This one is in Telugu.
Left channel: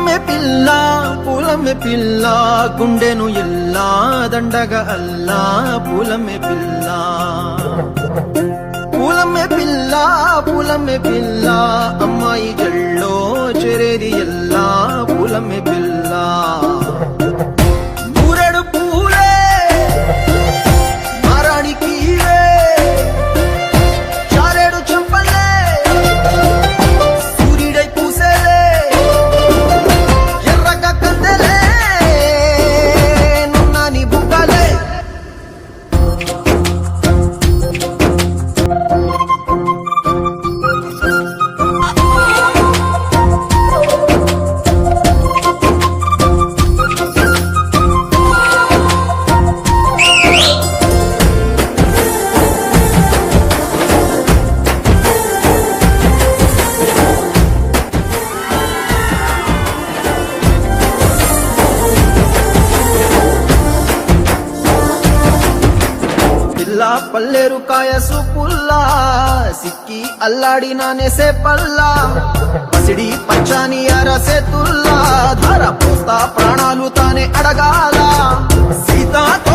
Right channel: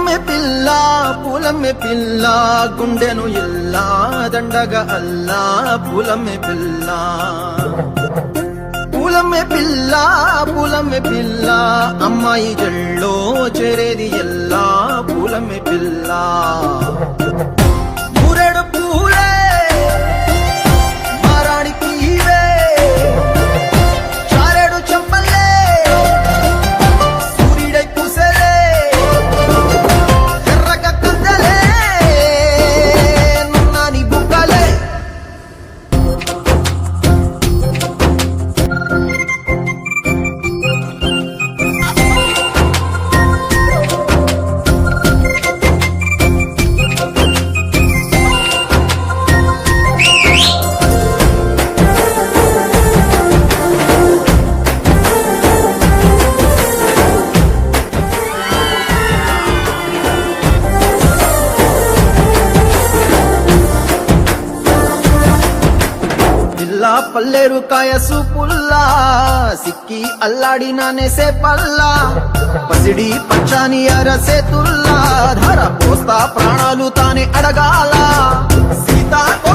పూలమే పిల్ల గుండెను ఇల్లా దండగా అల్లా పూలమే పిల్ల పూలమే పిల్ల అమ్మాయి జల్లో చేరేది ఎల్లా పూలమే పిల్ల పూరెడు పూలే మారాడికి చారెడు చెప్పలే సూర్యుడై పూసే ఎర్రగా కత్తలే నిన్నని బుక్కలే పల్లేరు కాయ సూపుల్లా సిక్కి అల్లాడినానే సే పల్లా పసిడి పచ్చాని అరసే తుల్లా ధర పోస్తా ప్రాణాలు తానే అడగాల సీతాకో